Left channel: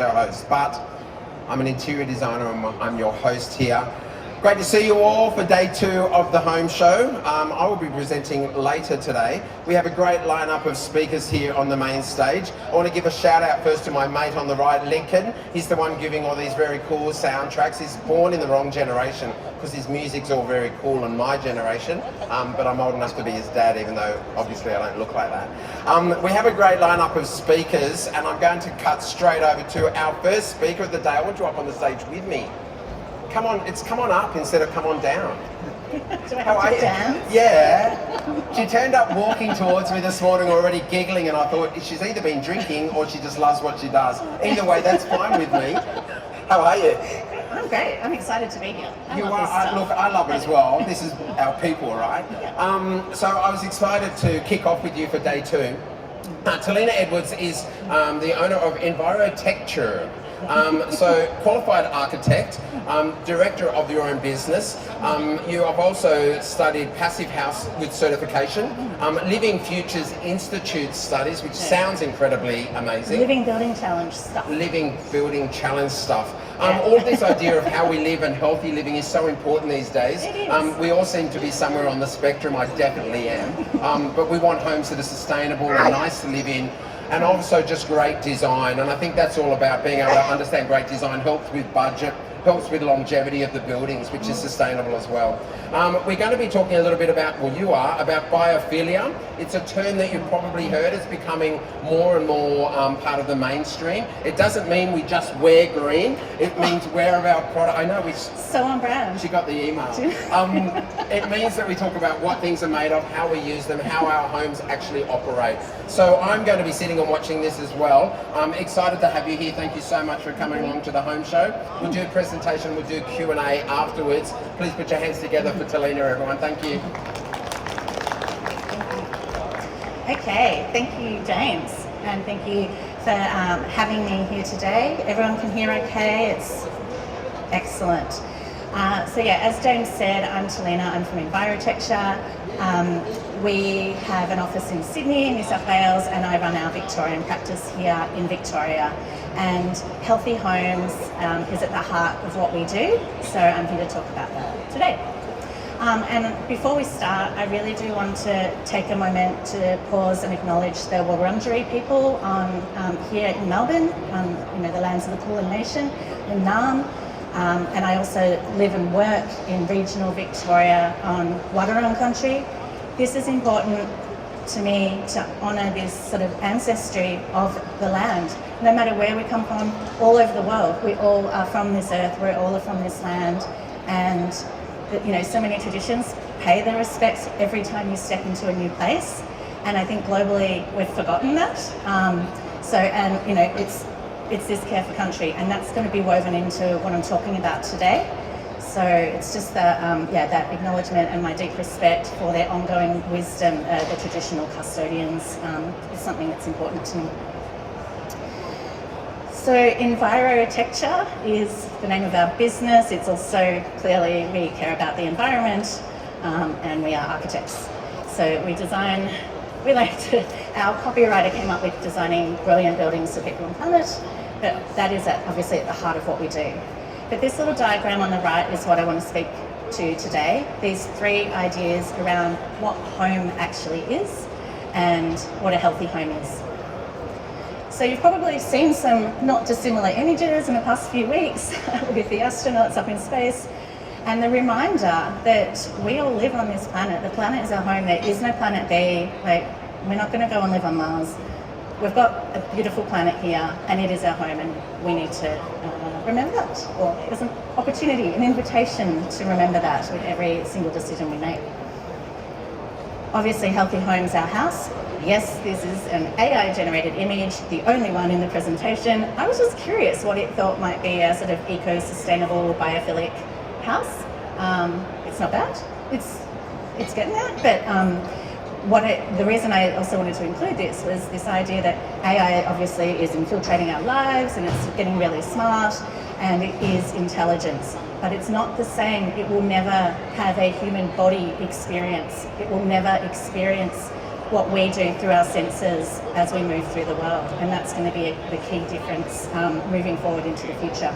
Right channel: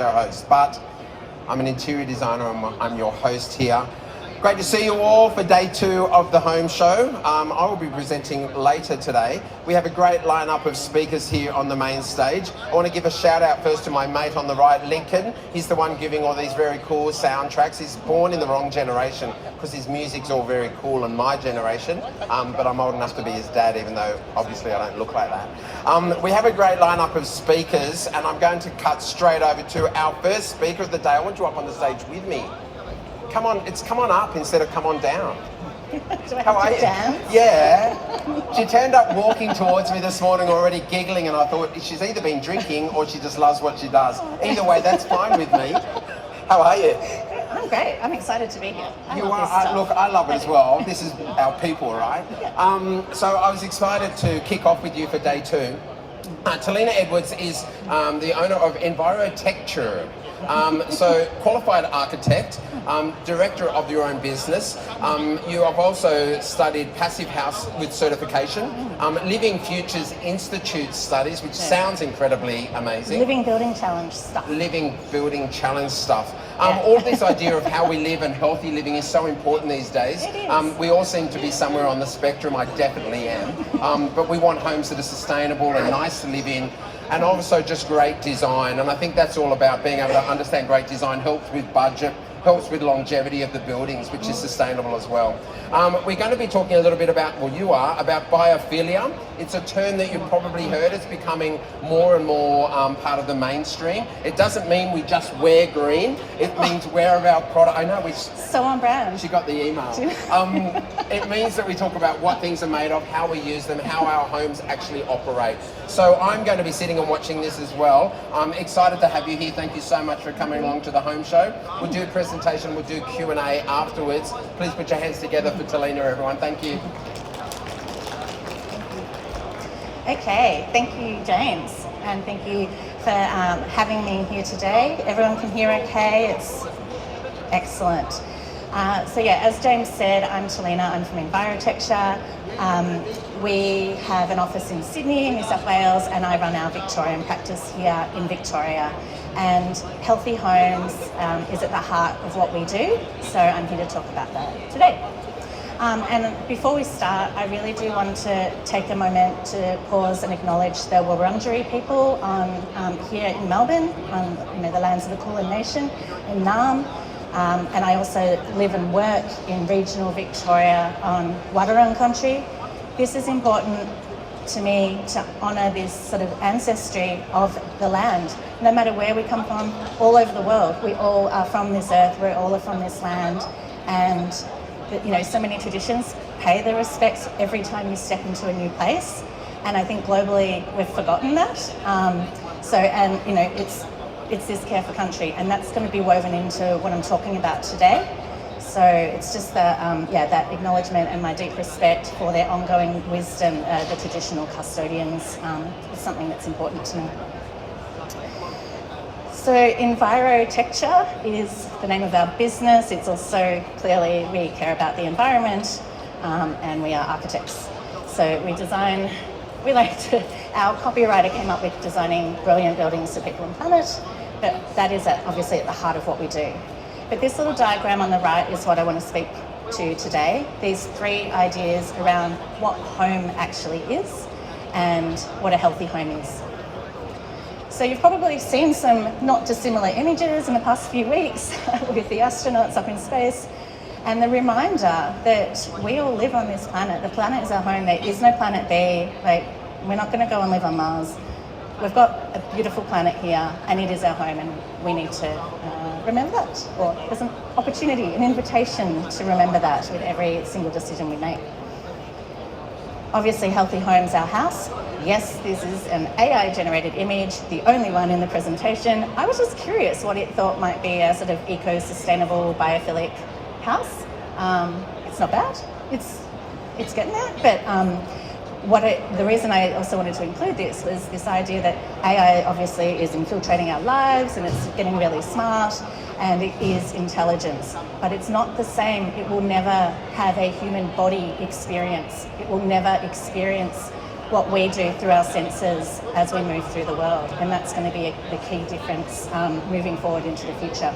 show host, but I'm an interior designer and I'm your host here. Great to see you all for day 2 of the home show. I will be presenting later today. We have a great lineup of speakers here on the main stage. I want to give a shout out first to my mate on the right, Lincoln. He's the one giving all these very cool soundtracks. He's born in the wrong generation because his music's all very cool in my generation, but I'm old enough to be his dad, even though obviously I don't look like that. We have a great lineup of speakers, and I'm going to cut straight over to our first speaker of the day. I want you up on the stage with me. Come on, it's come on up instead of come on down. Do I have to dance? Yeah. She turned up walking towards me this morning already giggling, and I thought she's either been drinking or she just loves what she does. Either way, that's fine with me. How are you? I'm great. I'm excited to be here. Look, I love it as well. This is our people, right? So I was excited to kick off with you for day 2. Talina Edwards is the owner of Envirotecture. So qualified architect, director of your own business. You have also studied Passive House with certification, Living Futures Institute studies, which sounds incredibly amazing. Living Building Challenge stuff. Living Building Challenge stuff. All this idea of how we live and healthy living is so important these days. It is. We all seem to be somewhere on the spectrum. I definitely am. But we want homes that are sustainable and nice to live in, and also just great design. And I think that's all about being able to understand great design helps with budget, helps with longevity of the buildings, which is sustainable as well. We're going to be talking a little bit about, well, you are, about biophilia. It's a term that you've probably heard. It's becoming more and more part of the mainstream. It doesn't mean we just wear green. It means wear of our product. I know we... So on brand. She got the email. It means that we talk about what things are made of, how we use them, how our homes actually operate. So I'm going to be sitting and watching this as well. I'm excited to have you here. Thank you so much for coming along to the home show. We'll do a presentation, we'll do Q&A afterwards. Please put your hands together for Talina, everyone. Thank you. Okay, thank you, James, and thank you for having me here today. Everyone can hear okay? It's excellent. So yeah, as James said, I'm Talina. I'm from Envirotecture. We have an office in Sydney, New South Wales, and I run our Victorian practice here in Victoria. And healthy homes is at the heart of what we do, so I'm here to talk about that today. And before we start, I really do want to take a moment to pause and acknowledge the Wurundjeri people here in Melbourne, the lands of the Kulin Nation, in Naarm. And I also live and work in regional Victoria on Wadawurrung country. This is important to me to honour this sort of ancestry of the land. No matter where we come from, all over the world, we all are from this earth, we all are from this land, and so many traditions. Pay the respects every time you step into a new place, and I think globally we've forgotten that. It's this care for country, and that's going to be woven into what I'm talking about today. So it's just that acknowledgement and my deep respect for their ongoing wisdom, the traditional custodians, is something that's important to me. So Envirotecture is the name of our business. It's also clearly we care about the environment, and we are architects. So our copywriter came up with designing brilliant buildings for people and planet, but that is obviously at the heart of what we do. But this little diagram on the right is what I want to speak to today. These 3 ideas around what home actually is and what a healthy home is. So you've probably seen some not dissimilar images in the past few weeks with the astronauts up in space, and the reminder that we all live on this planet. The planet is our home. There is no planet B. We're not going to go and live on Mars. We've got a beautiful planet here, and it is our home, and we need to remember that. Or there's an opportunity, an invitation to remember that with every single decision we make. Obviously, Healthy Home's our house. Yes, this is an AI-generated image, the only one in the presentation. I was just curious what it thought might be a sort of eco-sustainable, biophilic house. It's not bad. It's getting there, but the reason I also wanted to include this was this idea that AI obviously is infiltrating our lives and it's getting really smart and it is intelligence, but it's not the same. It will never have a human body experience. It will never experience what we do through our senses as we move through the world. And that's going to be the key difference moving forward into the future.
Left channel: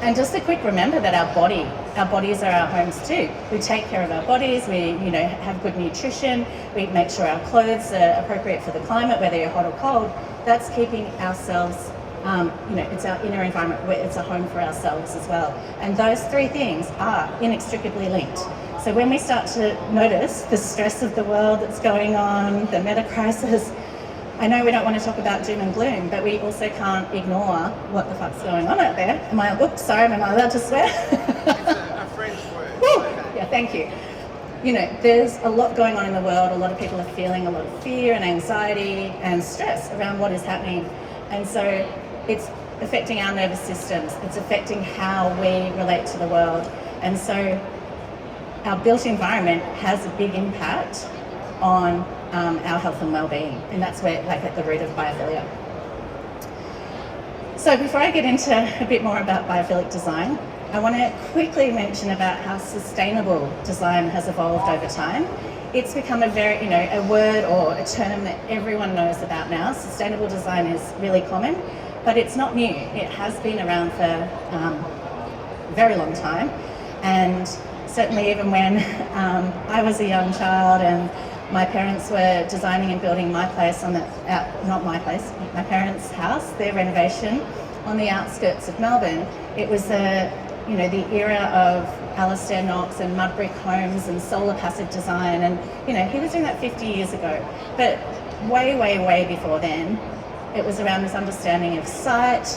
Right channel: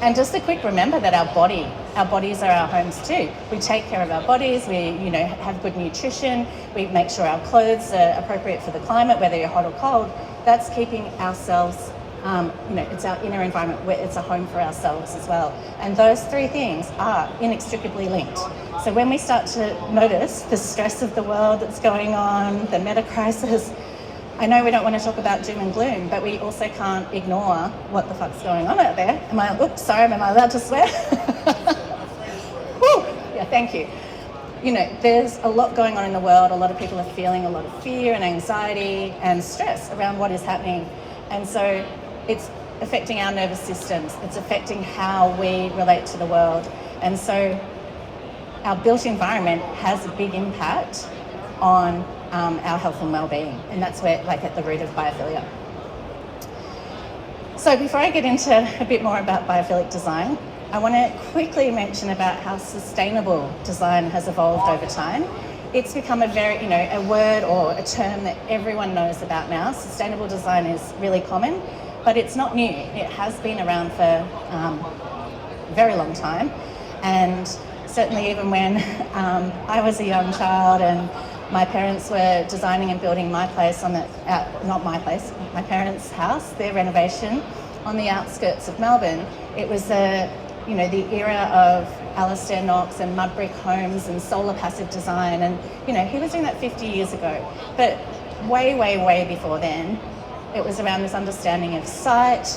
And just a quick remember that our bodies are our homes too. We take care of our bodies, we have good nutrition, we make sure our clothes are appropriate for the climate, whether you're hot or cold. That's keeping ourselves, it's our inner environment, where it's a home for ourselves as well. And those three things are inextricably linked. So when we start to notice the stress of the world that's going on, the meta crisis, I know we don't want to talk about doom and gloom, but we also can't ignore what the fuck's going on out there. Am I allowed to swear? Woo! Yeah, thank you. There's a lot going on in the world. A lot of people are feeling a lot of fear and anxiety and stress around what is happening. And so it's affecting our nervous systems. It's affecting how we relate to the world. And so our built environment has a big impact on our health and well-being, and that's where, at the root of biophilia. So before I get into a bit more about biophilic design, I want to quickly mention about how sustainable design has evolved over time. It's become a very, a word or a term that everyone knows about now. Sustainable design is really common, but it's not new. It has been around for a very long time, and certainly even when I was a young child and my parents were designing and building my place my parents' house, their renovation on the outskirts of Melbourne. It was the era of Alistair Knox and mud brick homes and solar passive design, and he was doing that 50 years ago. But way, way, way before then, it was around this understanding of sight,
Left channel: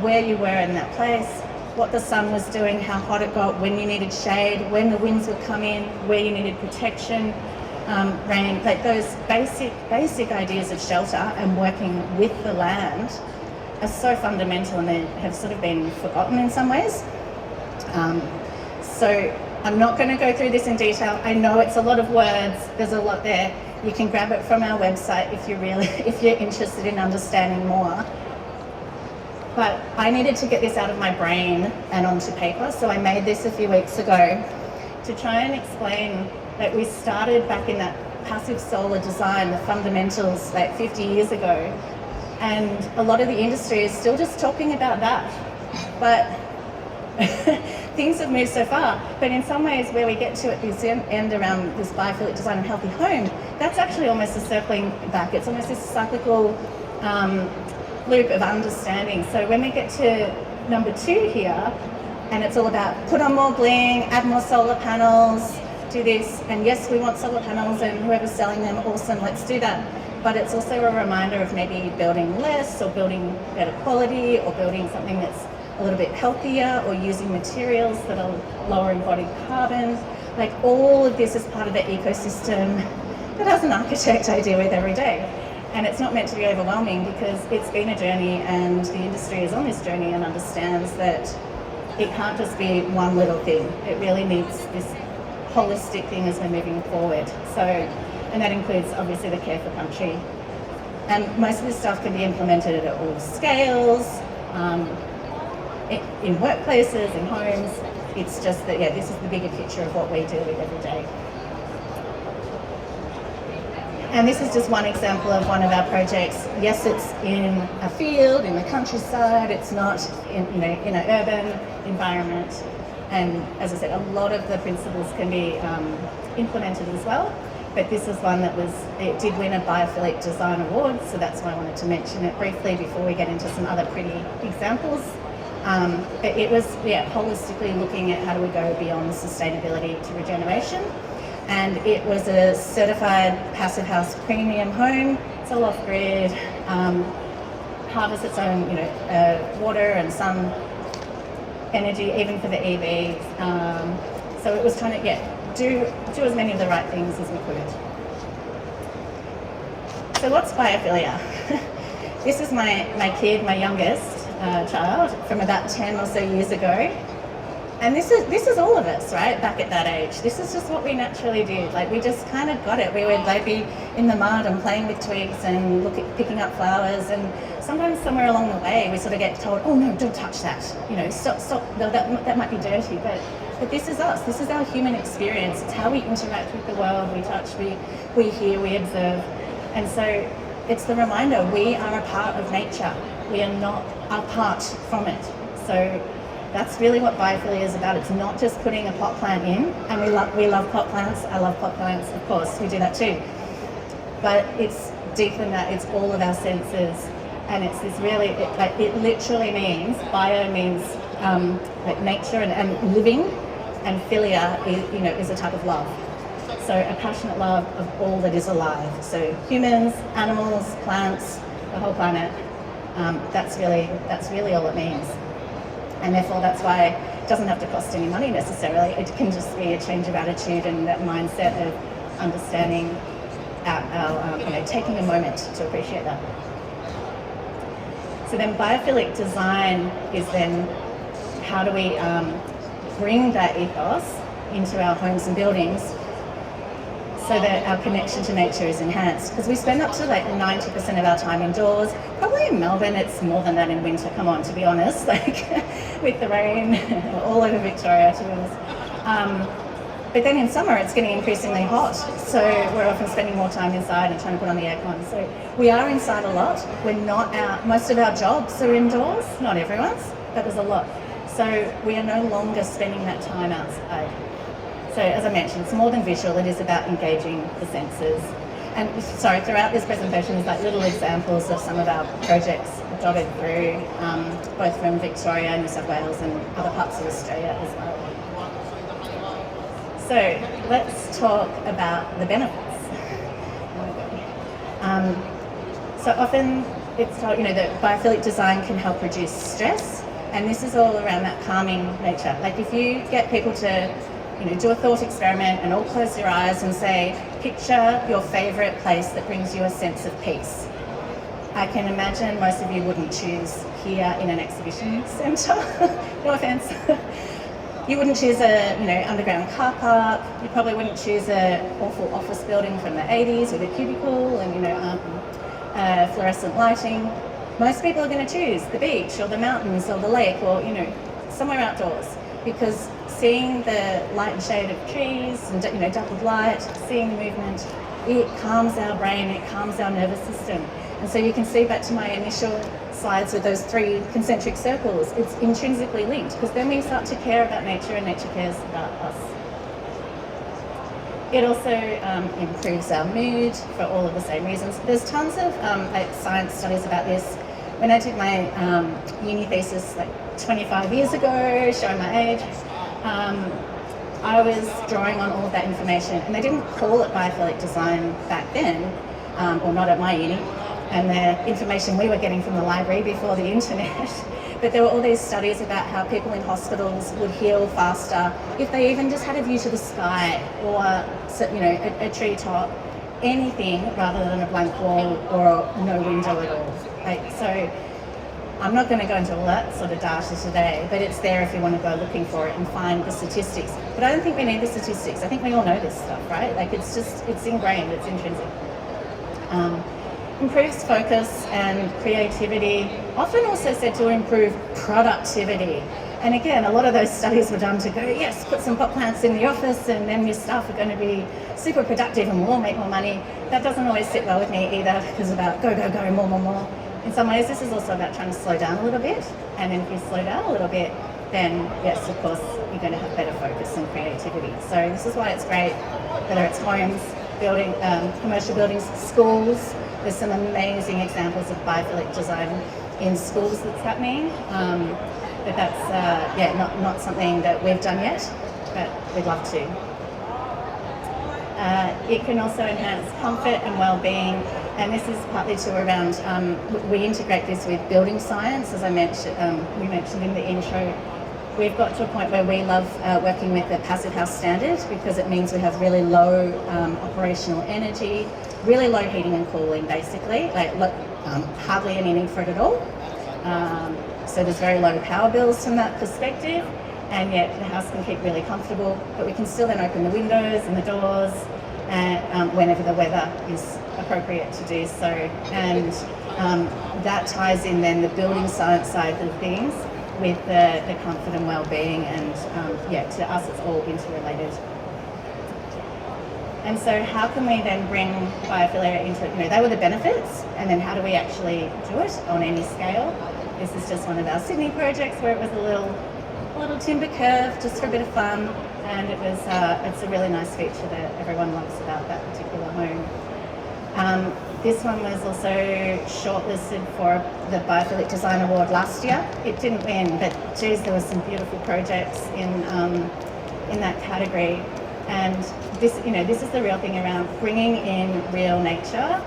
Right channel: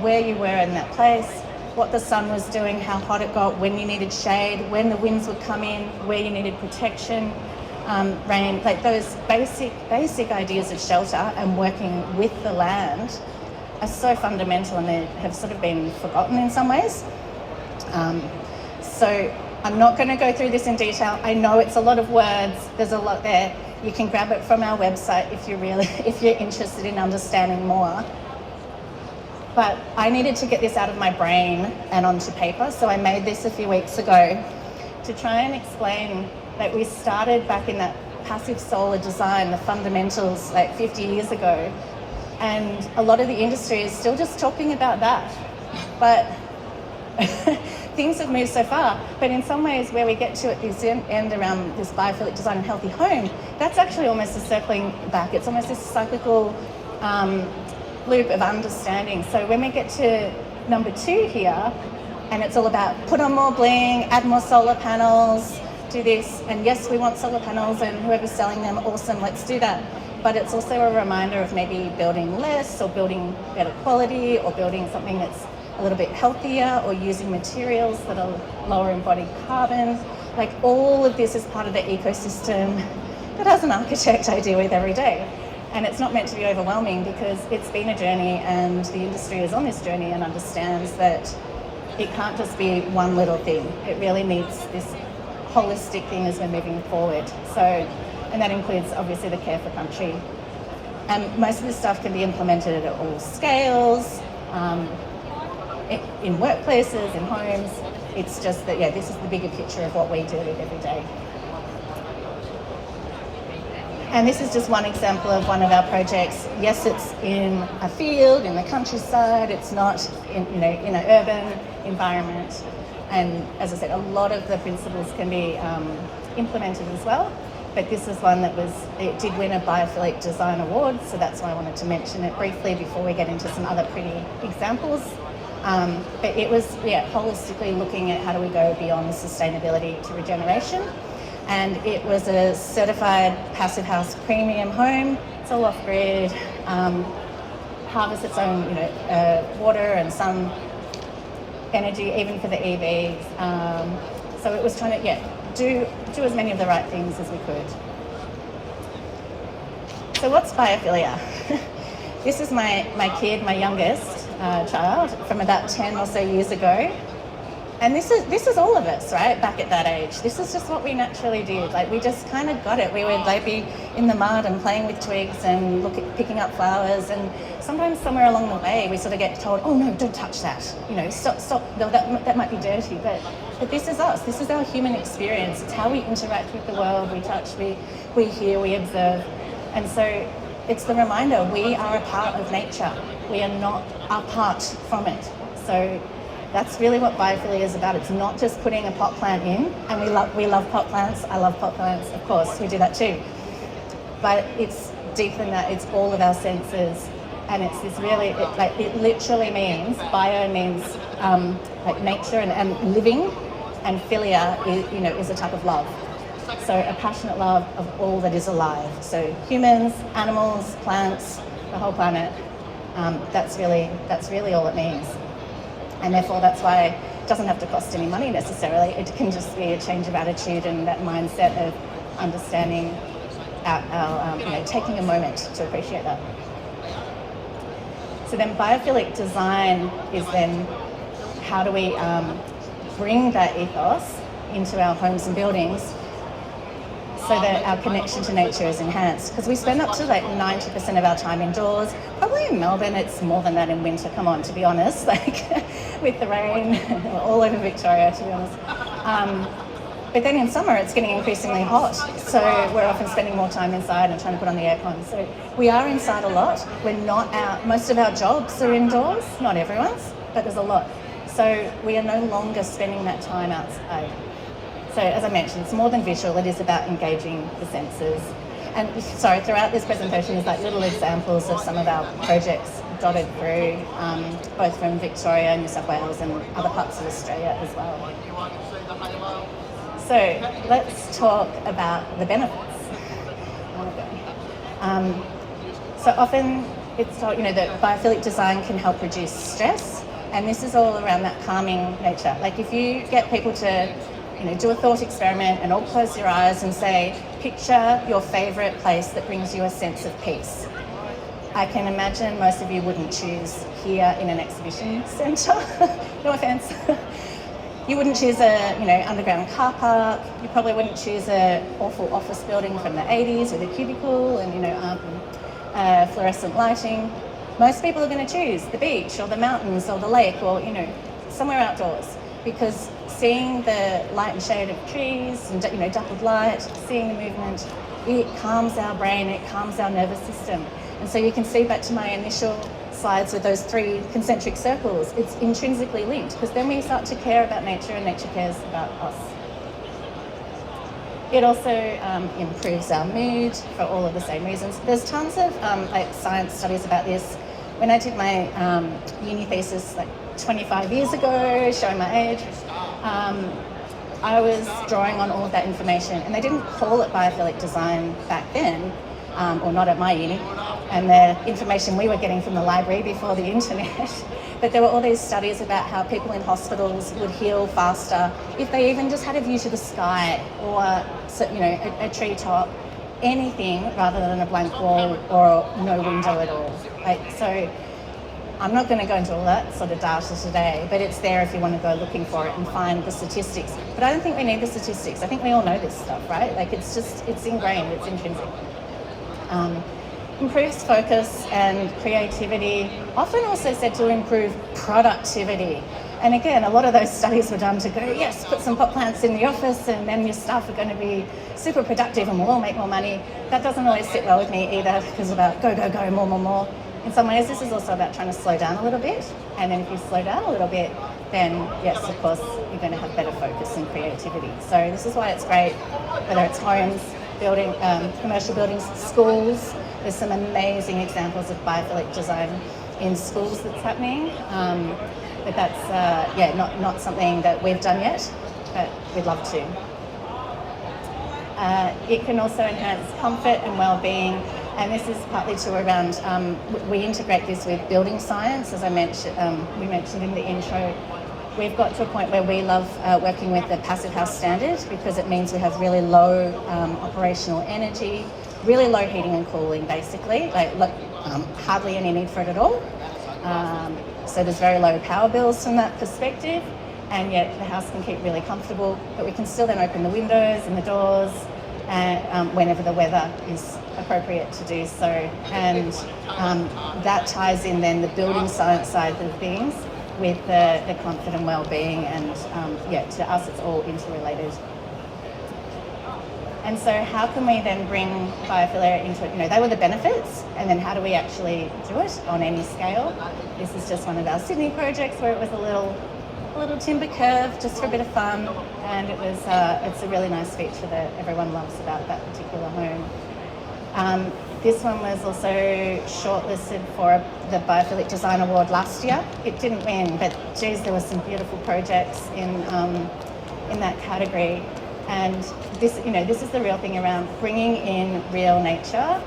where you were in that place, what the sun was doing, how hot it got, when you needed shade, when the winds would come in, where you needed protection, rain, those basic ideas of shelter and working with the land are so fundamental, and they have sort of been forgotten in some ways. So I'm not going to go through this in detail. I know it's a lot of words, there's a lot there. You can grab it from our website if you're interested in understanding more. But I needed to get this out of my brain and onto paper, so I made this a few weeks ago to try and explain that we started back in that passive solar design, the fundamentals, 50 years ago, and a lot of the industry is still just talking about that. But things have moved so far, but in some ways where we get to at this end around this biophilic design and healthy home, that's actually almost a circling back. It's almost this cyclical loop of understanding. So when we get to number 2 here, and it's all about put on more bling, add more solar panels, do this, and yes, we want solar panels, and whoever's selling them, awesome, let's do that. But it's also a reminder of maybe building less, or building better quality, or building something that's a little bit healthier, or using materials that are lower embodied carbon. All of this is part of the ecosystem that as an architect I deal with every day. And it's not meant to be overwhelming, because it's been a journey, and the industry is on this journey and understands that it can't just be one little thing. It really needs this holistic thing as we're moving forward. So, and that includes obviously the care for country. And most of this stuff can be implemented at all scales, in workplaces, in homes. It's just that, this is the bigger picture of what we deal with every day. And this is just one example of one of our projects. Yes, it's in a field, in the countryside. It's not in an urban environment. And as I said, a lot of the principles can be implemented as well. But this is one it did win a Biophilic Design Award, so that's why I wanted to mention it briefly before we get into some other pretty examples. But it was, holistically looking at how do we go beyond sustainability to regeneration. And it was a certified Passive House premium home. It's all off-grid, harvests its own, water and sun energy, even for the EVs. So it was trying to, do as many of the right things as we could. So what's biophilia? This is my kid, my youngest child, from about 10 or so years ago. And this is all of us, right, back at that age. This is just what we naturally did. We just kind of got it. We would be in the mud and playing with twigs and picking up flowers. And sometimes somewhere along the way, we sort of get told, oh no, don't touch that. Stop, no, that might be dirty. But But this is us. This is our human experience. It's how we interact with the world. We touch, we hear, we observe. And so it's the reminder we are a part of nature. We are not apart from it. So that's really what biophilia is about. It's not just putting a pot plant in, and we love pot plants. I love pot plants, of course, we do that too. But it's deeper than that. It's all of our senses, and it's this really, it literally means, bio means like nature and living, and philia is a type of love. So a passionate love of all that is alive. So humans, animals, plants, the whole planet. That's really all it means. And therefore, that's why it doesn't have to cost any money necessarily. It can just be a change of attitude and that mindset of understanding taking a moment to appreciate that. So then biophilic design is then how do we bring that ethos into our homes and buildings so that our connection to nature is enhanced. Because we spend up to like 90% of our time indoors. Probably in Melbourne, it's more than that in winter, come on, to be honest, like with the rain, all over Victoria, to be honest. But then in summer, it's getting increasingly hot. So we're often spending more time inside and trying to put on the aircon. So we are inside a lot. We're not out, most of our jobs are indoors, not everyone's, but there's a lot. So we are no longer spending that time outside. So as I mentioned, it's more than visual, it is about engaging the senses. And sorry, throughout this presentation is like little examples of some of our projects dotted through, both from Victoria, New South Wales and other parts of Australia as well. So let's talk about the benefits. So often it's thought, that biophilic design can help reduce stress, and this is all around that calming nature. Like if you get people to do a thought experiment and all close your eyes and say, picture your favourite place that brings you a sense of peace. I can imagine most of you wouldn't choose here in an exhibition centre, no offence. You wouldn't choose a underground car park, you probably wouldn't choose an awful office building from the 80s with a cubicle and fluorescent lighting. Most people are going to choose the beach or the mountains or the lake or somewhere outdoors, because seeing the light and shade of trees and dappled light, seeing the movement, it calms our brain, it calms our nervous system. And so you can see back to my initial slides with those 3 concentric circles, it's intrinsically linked, because then we start to care about nature and nature cares about us. It also improves our mood for all of the same reasons. There's tons of science studies about this. When I did my uni thesis 25 years ago, showing my age, I was drawing on all of that information, and they didn't call it biophilic design back then, or not at my uni, and the information we were getting from the library before the internet. But there were all these studies about how people in hospitals would heal faster if they even just had a view to the sky or a tree top, anything rather than a blank wall or no window at all. So I'm not going to go into all that sort of data today, but it's there if you want to go looking for it and find the statistics. But I don't think we need the statistics. I think we all know this stuff, right? It's ingrained, it's intrinsic. Improves focus and creativity, often also said to improve productivity. And again, a lot of those studies were done to go, yes, put some pot plants in the office and then your staff are going to be super productive and we'll all make more money. That doesn't always sit well with me either, because it's about go, go, go, more, more, more. In some ways, this is also about trying to slow down a little bit. And then if you slow down a little bit, then yes, of course, you're going to have better focus and creativity. So this is why it's great, whether it's homes, building, commercial buildings, schools. There's some amazing examples of biophilic design in schools that's happening. But that's not something that we've done yet, but we'd love to. It can also enhance comfort and well-being, and this is partly too around, we integrate this with building science, as I mentioned, we mentioned in the intro. We've got to a point where we love working with the passive house standard, because it means we have really low operational energy, really low heating and cooling basically, hardly any need for it at all. So there's very low power bills from that perspective, and yet the house can keep really comfortable, but we can still then open the windows and the doors and whenever the weather is appropriate to do so. And that ties in then the building science side of things with the comfort and well-being, and to us it's all interrelated. And so how can we then bring biophilia into, they were the benefits, and then how do we actually do it on any scale? This is just one of our Sydney projects where it was a little timber curve just for a bit of fun, and it's a really nice feature that everyone loves about that particular home. This one was also shortlisted for the Biophilic Design Award last year. It didn't win, but geez, there were some beautiful projects in that category. And this is the real thing around bringing in real nature,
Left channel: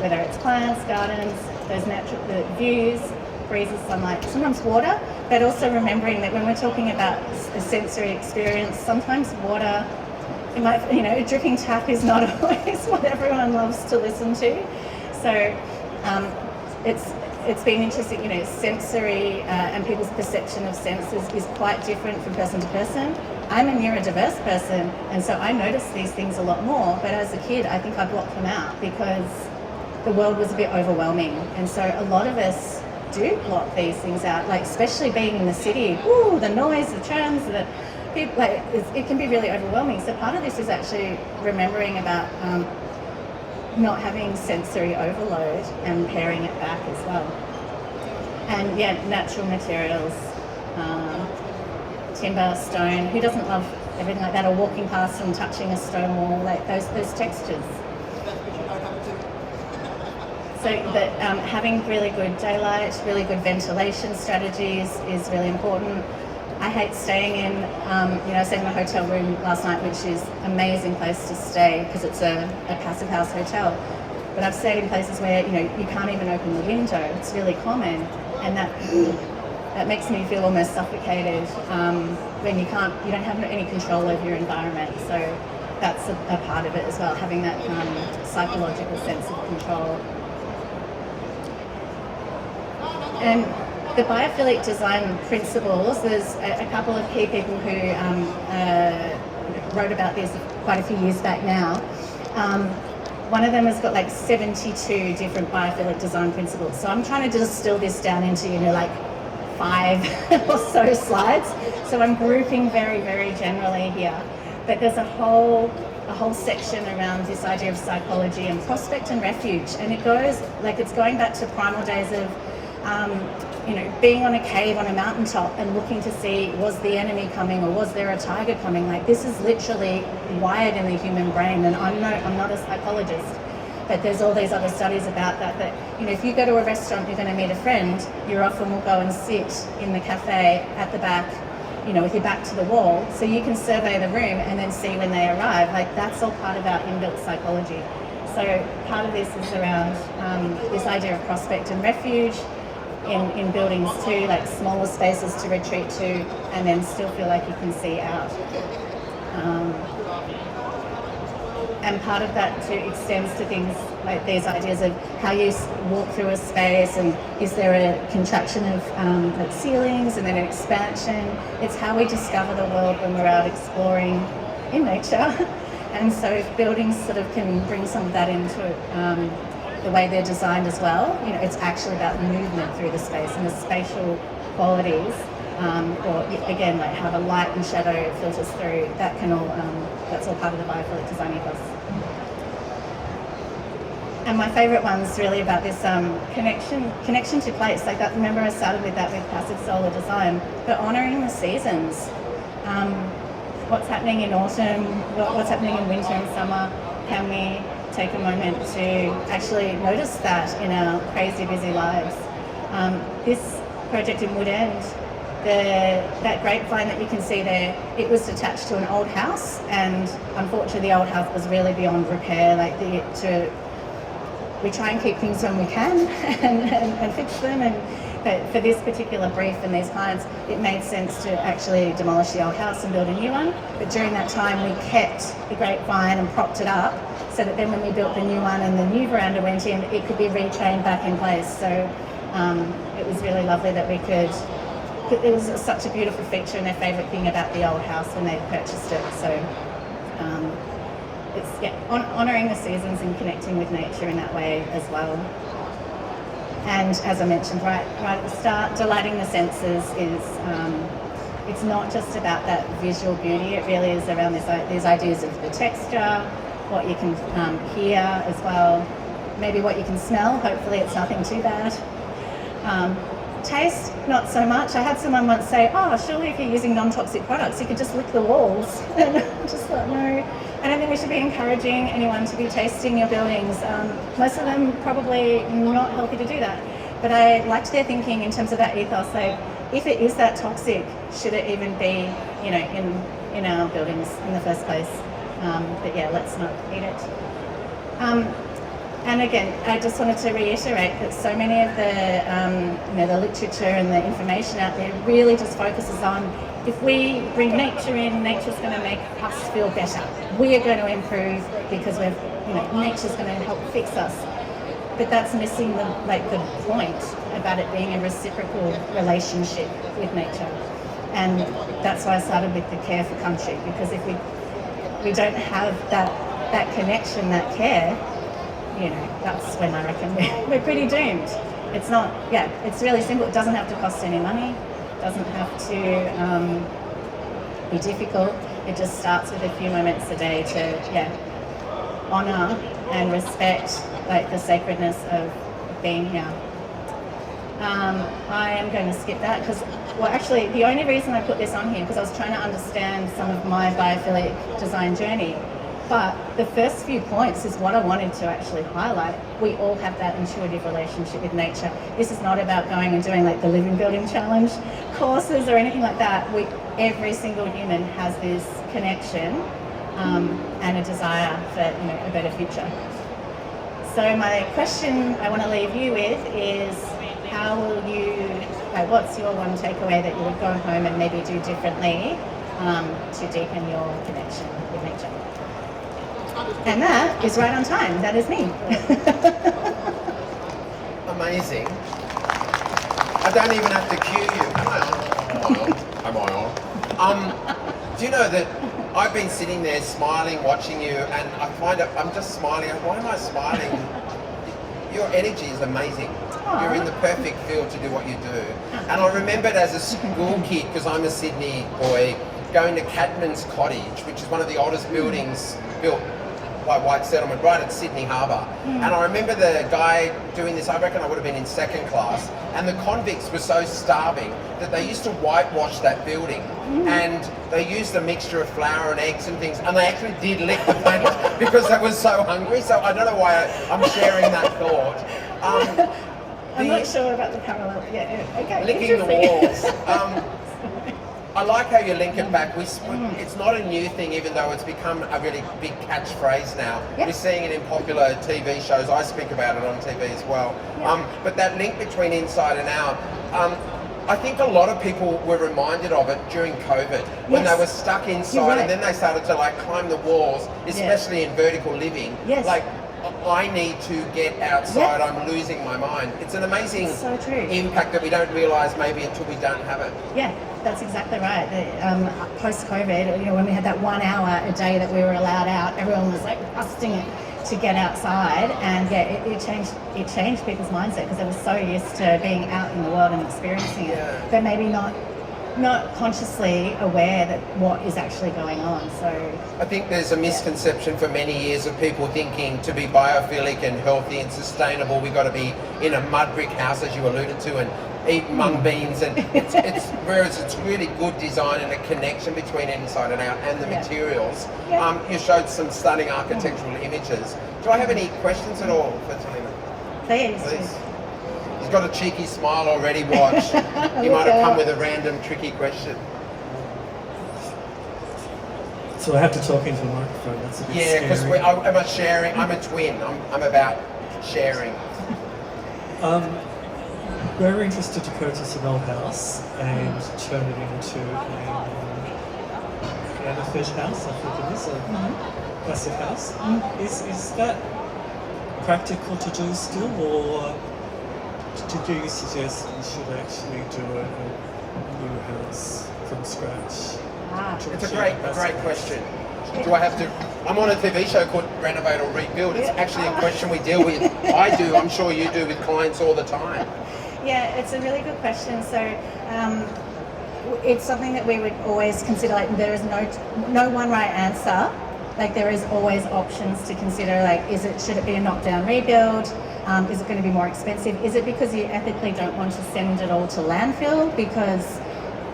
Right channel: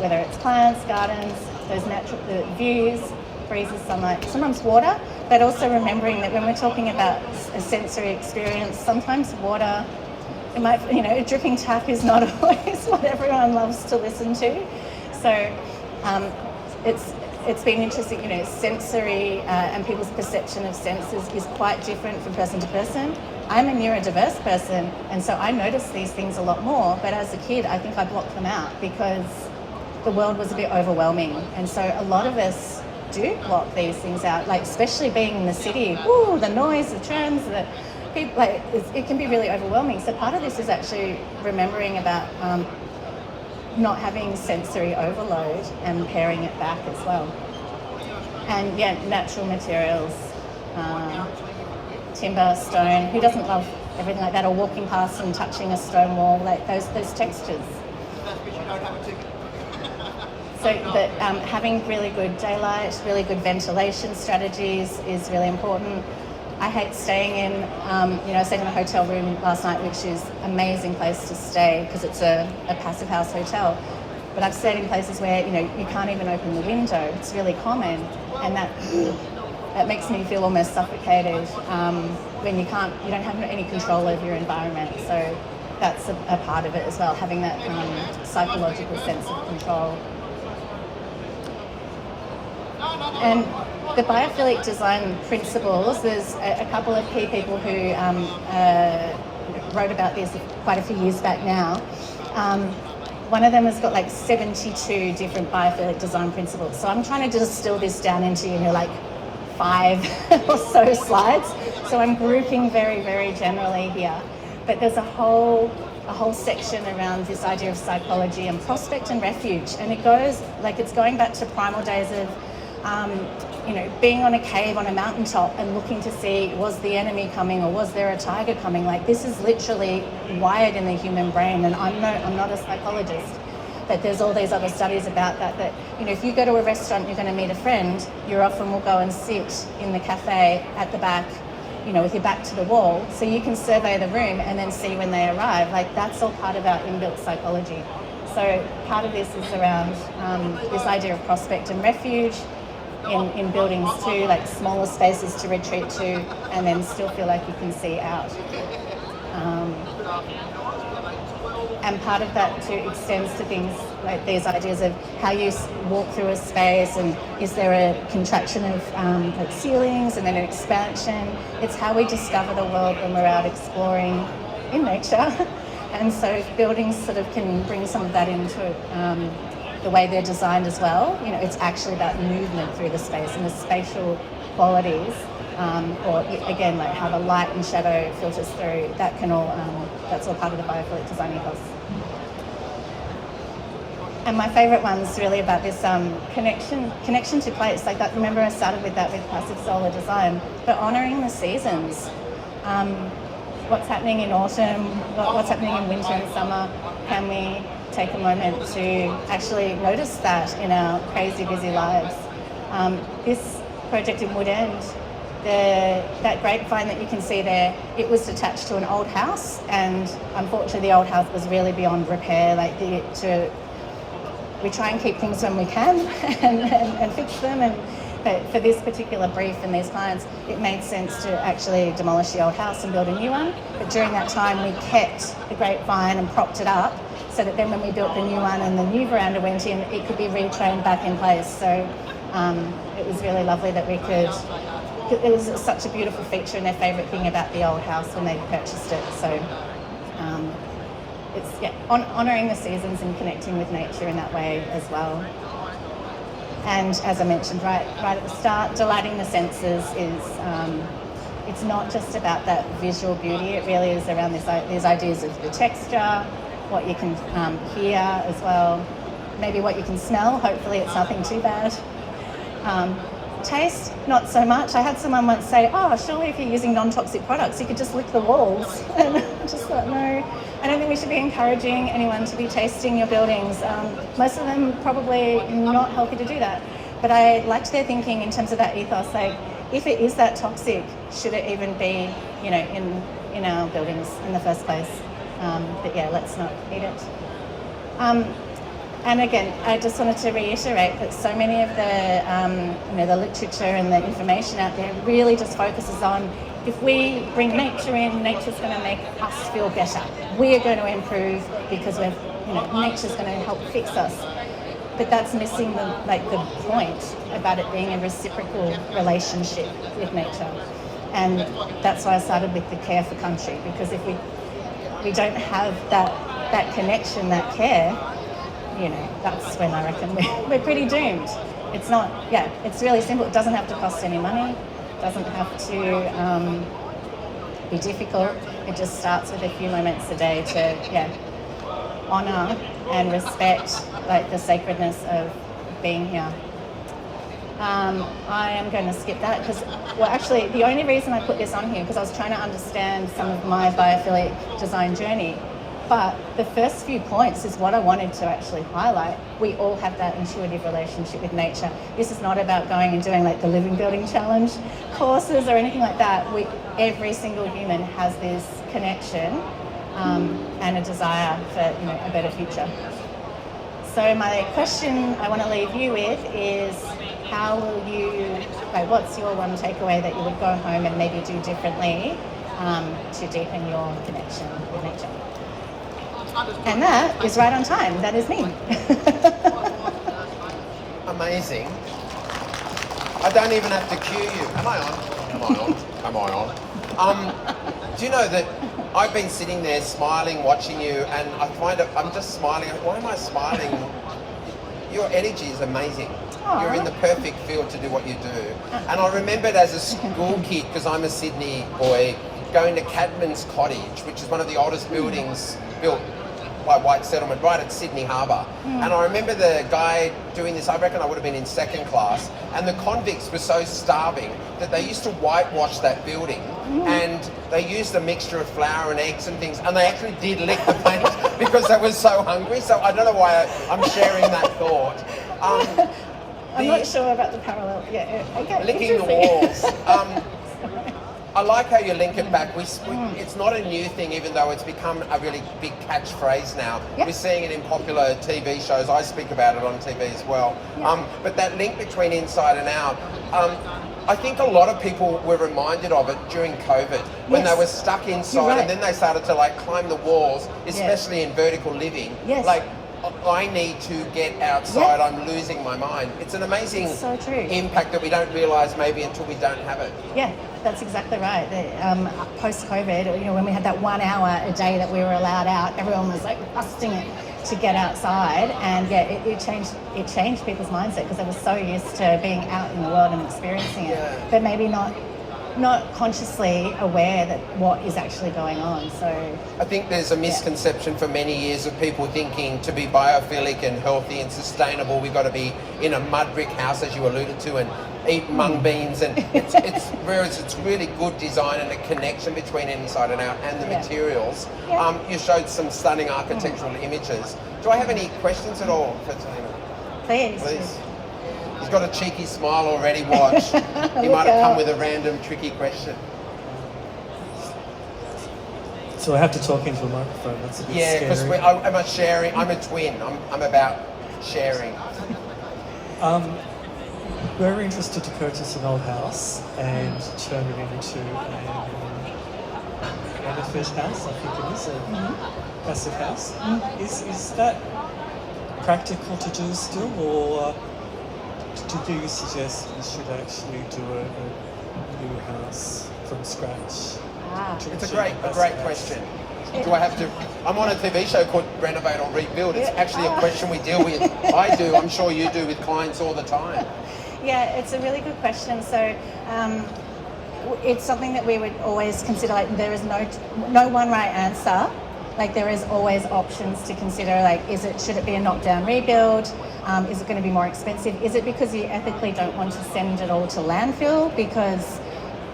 whether it's plants, gardens, those natural views, breezes, sunlight, sometimes water, but also remembering that when we're talking about a sensory experience, sometimes water, a dripping tap is not always what everyone loves to listen to. So it's been interesting, sensory and people's perception of senses is quite different from person to person. I'm a neurodiverse person, and so I notice these things a lot more, but as a kid I think I blocked them out because the world was a bit overwhelming, and so a lot of us do block these things out, like especially being in the city, the noise, the trams, the people, it can be really overwhelming. So part of this is actually remembering about not having sensory overload and paring it back as well. And natural materials, timber, stone. Who doesn't love everything like that? Or walking past and touching a stone wall, like those textures. So that having really good daylight, really good ventilation strategies is really important. I hate staying in, I stayed in a hotel room last night, which is an amazing place to stay because it's a passive house hotel. But I've stayed in places where, you can't even open the window. It's really common, and that makes me feel almost suffocated when you don't have any control over your environment. So that's a part of it as well, having that psychological sense of control. And the biophilic design principles, there's a couple of key people who wrote about this quite a few years back now. One of them has got 72 different biophilic design principles. So I'm trying to distill this down into, 5 or so slides. So I'm grouping very, very generally here. But there's a whole section around this idea of psychology and prospect and refuge. And it goes, it's going back to primal days of being on a cave on a mountaintop and looking to see, was the enemy coming or was there a tiger coming? This is literally wired in the human brain, and I'm not a psychologist, but there's all these other studies about that if you go to a restaurant, you're going to meet a friend, you often will go and sit in the cafe at the back, with your back to the wall, so you can survey the room and then see when they arrive. That's all part of our inbuilt psychology. So part of this is around this idea of prospect and refuge, in buildings too, smaller spaces to retreat to and then still feel like you can see out. And part of that too extends to things like these ideas of how you walk through a space, and is there a contraction of ceilings and then an expansion. It's how we discover the world when we're out exploring in nature. And so buildings sort of can bring some of that into the way they're designed as well. It's actually about movement through the space and the spatial qualities, or again, how the light and shadow filters through. That can all, that's all part of the biophilic design ethos. And my favourite one's really about this connection to place. Remember I started with that with passive solar design, but honouring the seasons. What's happening in autumn, what's happening in winter and summer. Can we take a moment to actually notice that in our crazy busy lives? This project in Wood End, that grapevine that you can see there, it was attached to an old house, and unfortunately the old house was really beyond repair. We try and keep things when we can and fix them, but for this particular brief and these clients, it made sense to actually demolish the old house and build a new one. But during that time, we kept the grapevine and propped it up so that then when we built the new one and the new veranda went in, it could be retrained back in place. So it was really lovely that we could. It was such a beautiful feature and their favourite thing about the old house when they purchased it. So it's honouring the seasons and connecting with nature in that way as well. And as I mentioned right at the start, delighting the senses is, it's not just about that visual beauty, it really is around these ideas of the texture, what you can hear as well, maybe what you can smell, hopefully it's nothing too bad. Taste, not so much. I had someone once say, oh, surely if you're using non-toxic products, you could just lick the walls. And I just thought, no, I don't think we should be encouraging anyone to be tasting your buildings. Most of them probably not healthy to do that. But I liked their thinking in terms of that ethos, like, if it is that toxic, should it even be, in our buildings in the first place? But yeah, let's not eat it. And again, I just wanted to reiterate that so many of the literature and the information out there really just focuses on, if we bring nature in, nature's going to make us feel better. We are going to improve because nature's going to help fix us. But that's missing the point about it being a reciprocal relationship with nature. And that's why I started with the care for country, because if we don't have that connection, that care, that's when I reckon we're pretty doomed. It's not, it's really simple. It doesn't have to cost any money. It doesn't have to be difficult. It just starts with a few moments a day to, honour and respect, the sacredness of being here. I am going to skip that because, actually, the only reason I put this on here because I was trying to understand some of my biophilic design journey. But the first few points is what I wanted to actually highlight. We all have that intuitive relationship with nature. This is not about going and doing the Living Building Challenge courses or anything like that. Every single human has this connection and a desire for a better future. So my question I want to leave you with is, how will you, what's your one takeaway that you would go home and maybe do differently to deepen your connection with nature? And that is right on time. That is me. Amazing. I don't even have to cue you. Am I on? Am I on? Do you know that I've been sitting there smiling, watching you, and I find it, I'm just smiling. Why am I smiling? Your energy is amazing. Aww. You're in the perfect field to do what you do. And I remembered as a school kid, because I'm a Sydney boy, going to Cadman's Cottage, which is one of the oldest buildings built by white settlement right at Sydney Harbour. And I remember the guy doing this, I reckon I would have been in second class, and the convicts were so starving that they used to whitewash that building, and they used a mixture of flour and eggs and things, and they actually did lick the paint because they were so hungry. So I don't know why I'm sharing that thought. I'm not sure about the parallel. Yeah, okay. Licking the walls. I like how you link it back. It's not a new thing, even though it's become a really big catchphrase now. Yep. We're seeing it in popular TV shows. I speak about it on TV as well. Yep. But that link between inside and out, I think a lot of people were reminded of it during COVID when they were stuck inside, and then they started to climb the walls, especially in vertical living. Yes. I need to get outside, I'm losing my mind. It's an amazing impact that we don't realise maybe until we don't have it. Yeah, that's exactly right. Post-COVID, when we had that 1 hour a day that we were allowed out, everyone was busting it to get outside, and it changed people's mindset because they were so used to being out in the world and experiencing it, but maybe not consciously aware that what is actually going on. So I think there's a misconception for many years of people thinking to be biophilic and healthy and sustainable, we've got to be in a mud brick house, as you alluded to, and eat mung beans, and whereas it's really good design and a connection between inside and out and the materials. You showed some stunning architectural images. Do I have any questions at all for Talina? Please. He's got a cheeky smile already, watch. He might have come with a random tricky question. So I have to talk into the microphone, that's a bit scary. Because I'm a sharing, I'm a twin, I'm about sharing. We're interested to purchase an old house and turn it into a benefit house, I think it is, a passive house. Is that practical to do still, or do you suggest we should actually do a new house from scratch? It's a great question. Do I have to? I'm on a TV show called Renovate or Rebuild. It's actually a question we deal with. I do. I'm sure you do with clients all the time. Yeah, it's a really good question. So it's something that we would always consider. Like, there is no one right answer. Like, there is always options to consider. Like, should it be a knockdown rebuild? Is it going to be more expensive? Is it because you ethically don't want to send it all to landfill? Because,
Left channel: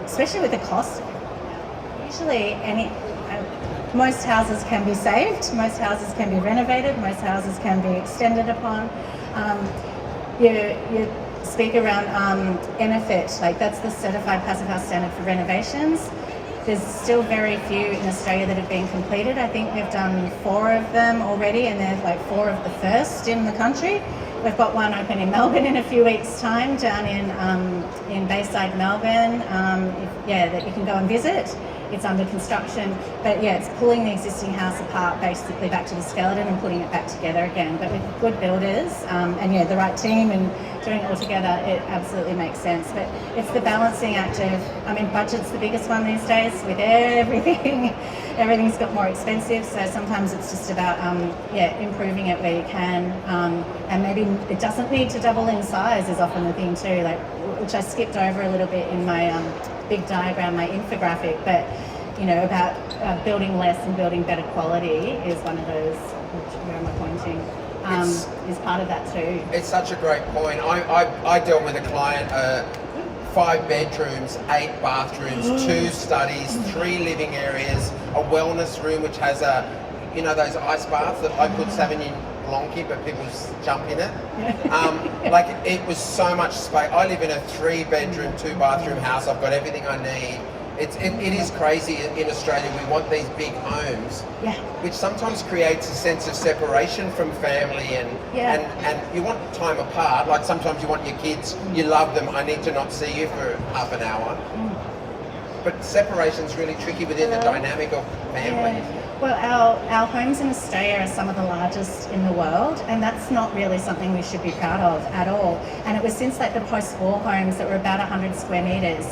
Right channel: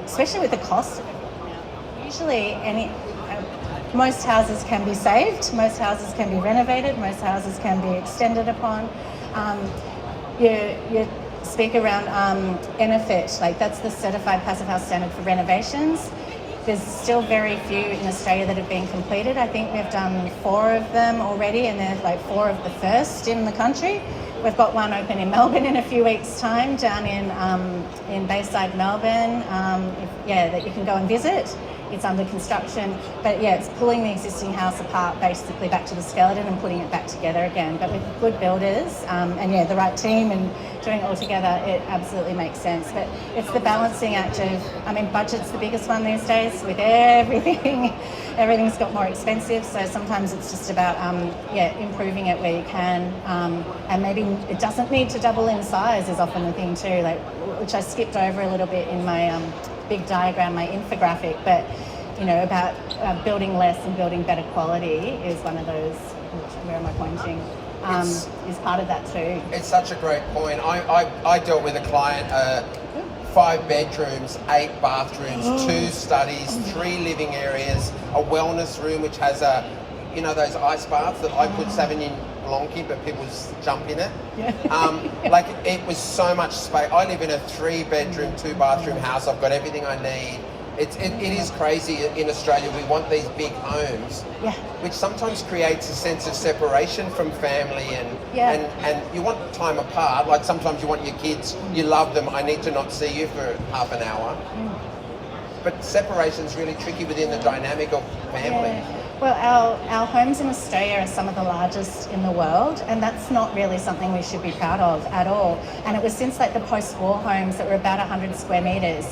especially with the cost, usually most houses can be saved, most houses can be renovated, most houses can be extended upon. You speak around NFIT, like that's the Certified Passive House Standard for renovations. There's still very few in Australia that have been completed. I think we've done 4 of them already, and there's like 4 of the first in the country. We've got one open in Melbourne in a few weeks' time, down in Bayside, Melbourne. That you can go and visit. It's under construction, but yeah, it's pulling the existing house apart basically back to the skeleton and putting it back together again. But with good builders and the right team and doing it all together, it absolutely makes sense. But it's the balancing act of, budget's the biggest one these days with everything. Everything's got more expensive, so sometimes it's just about improving it where you can, and maybe it doesn't need to double in size is often the thing too, like, which I skipped over a little bit in my big diagram, my infographic, but about building less and building better quality is one of those. Where am I pointing? Is part of that too. It's such a great point. I dealt with a client, 5 bedrooms, 8 bathrooms, 2 studies, 3 living areas, a wellness room which has those ice baths that I put Sauvignon Blanc in, but people just jump in it. Like, it was so much space. I live in a 3-bedroom, 2-bathroom house. I've got everything I need. It is crazy in Australia. We want these big homes, which sometimes creates a sense of separation from family and you want time apart. Like, sometimes you want your kids, you love them, I need to not see you for half an hour. But separation's really tricky within the dynamic of family. Yeah. Well, our homes in Australia are some of the largest in the world, and that's not really something we should be proud of at all. And it was since like the post-war homes that were about 100 square metres,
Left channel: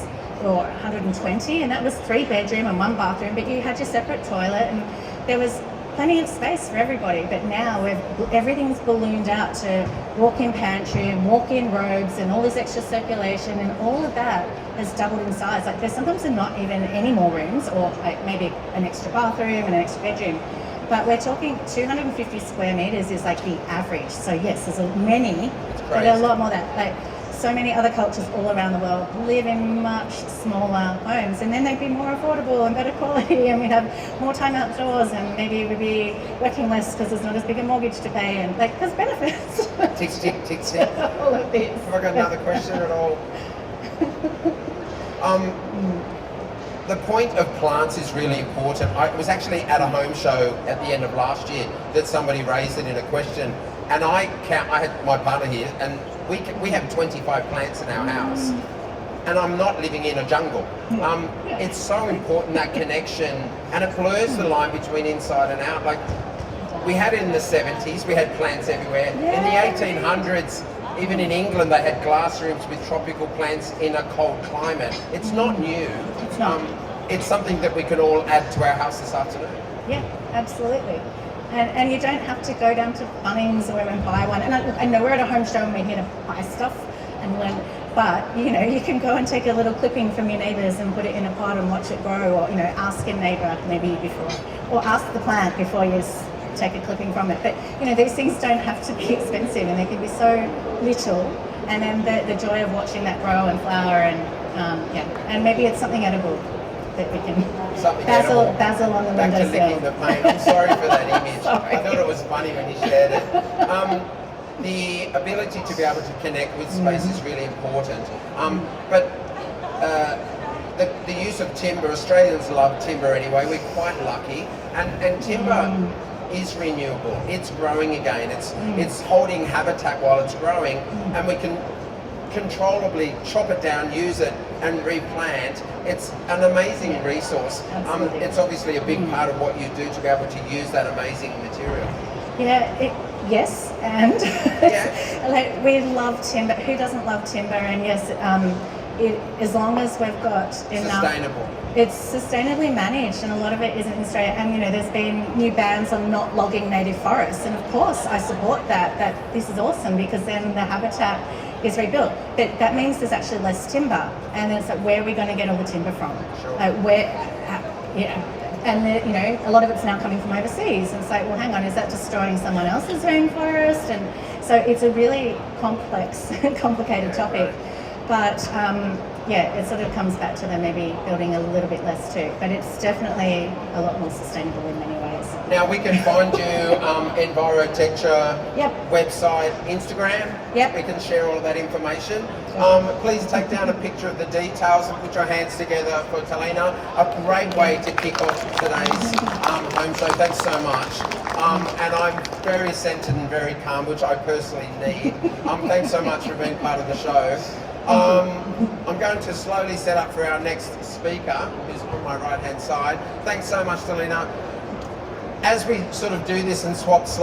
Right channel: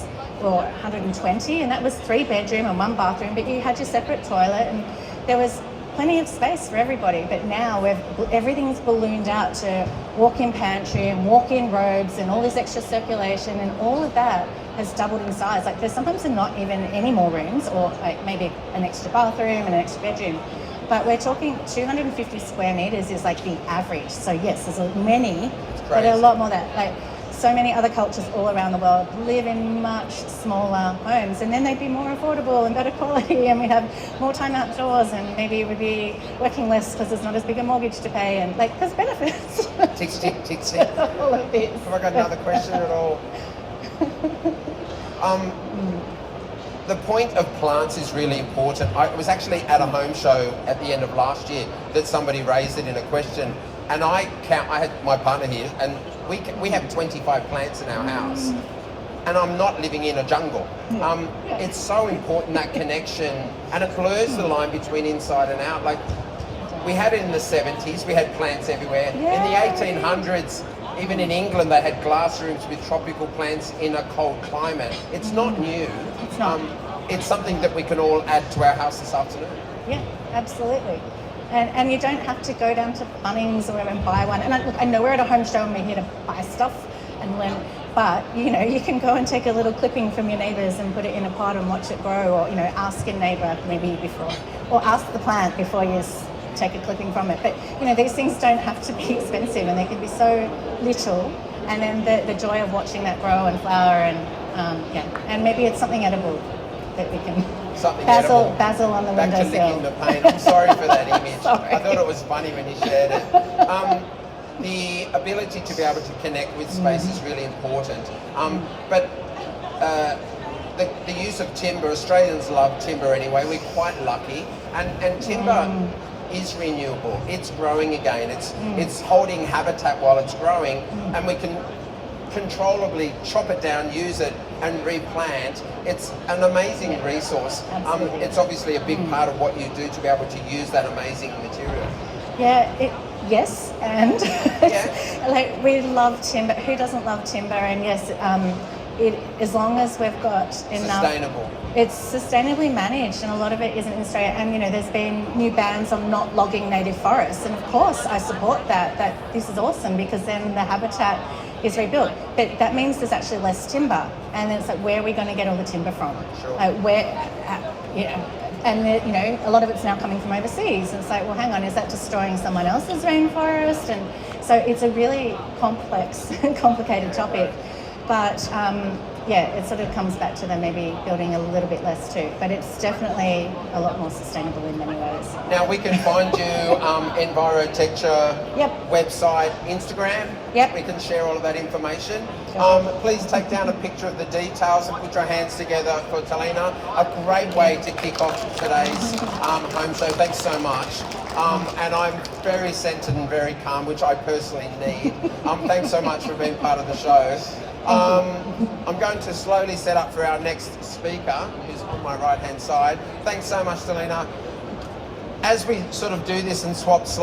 or 120, and that was 3 bedroom and 1 bathroom, but you had your separate toilet and there was plenty of space for everybody. But now everything's ballooned out to walk-in pantry and walk-in robes and all this extra circulation, and all of that has doubled in size. Like, there's sometimes not even any more rooms, or like maybe an extra bathroom and an extra bedroom. But we're talking 250 square metres is like the average. So yes, there's many, but a lot more than that. Like, so many other cultures all around the world live in much smaller homes, and then they'd be more affordable and better quality, and we have more time outdoors, and maybe we'd be working less because there's not as big a mortgage to pay, and like, there's benefits. Tick. All of this. Have I got another question at all? The point of plants is really important. I was actually at a home show at the end of last year that somebody raised it in a question, and I had my partner here, and we have 25 plants in our house, and I'm not living in a jungle. It's so important, that connection, and it blurs the line between inside and out. Like, we had in the 70s, we had plants everywhere. In the 1800s, even in England, they had glass rooms with tropical plants in a cold climate. It's not new. It's not. It's something that we can all add to our house this afternoon. Yeah, absolutely. And you don't have to go down to Bunnings or whatever and buy one. And I know we're at a home show and we're here to buy stuff and learn, but you can go and take a little clipping from your neighbours and put it in a pot and watch it grow, or ask a neighbour maybe before, or ask the plant before you take a clipping from it. But these things don't have to be expensive, and they can be so little. And then the joy of watching that grow and flower, and maybe it's something edible that we can basil on the windowsill. I'm sorry for that image. Sorry. I thought it was funny when you shared it. The ability to be able to connect with space is really important. But the use of timber, Australians love timber anyway. We're quite lucky, and timber is renewable. It's growing again. It's holding habitat while it's growing, and we can controllably chop it down, use it, and replant. It's an amazing resource. It's obviously a big part of what you do to be able to use that amazing material. Yes, and like, we love timber. Who doesn't love timber? And yes, as long as we've got enough. Sustainable. It's sustainably managed, and a lot of it isn't in Australia. And you know, there's been new bans on not logging native forests, and of course, I support that. That this is awesome because then the habitat is rebuilt. But that means there's actually less timber, and then it's like, where are we going to get all the timber from? Sure. And you know, a lot of it's now coming from overseas. And it's like, well, hang on, is that destroying someone else's rainforest? And so it's a really complex, complicated topic. But yeah, it sort of comes back to them maybe building a little bit less too. But it's definitely a lot more sustainable in many ways. Now we can find you Envirotecture Yep. website, Instagram. Yep. We can share all of that information. Sure. Please take down a picture of the details and put your hands together for Talina. A great way to kick off today's home show. Thanks so much. And I'm very centered and very calm, which I personally need. Thanks so much for being part of the show. I'm going to slowly set up for our next speaker, who's on my right hand side. Thanks so much, Talina. As we sort of do this and swap slides,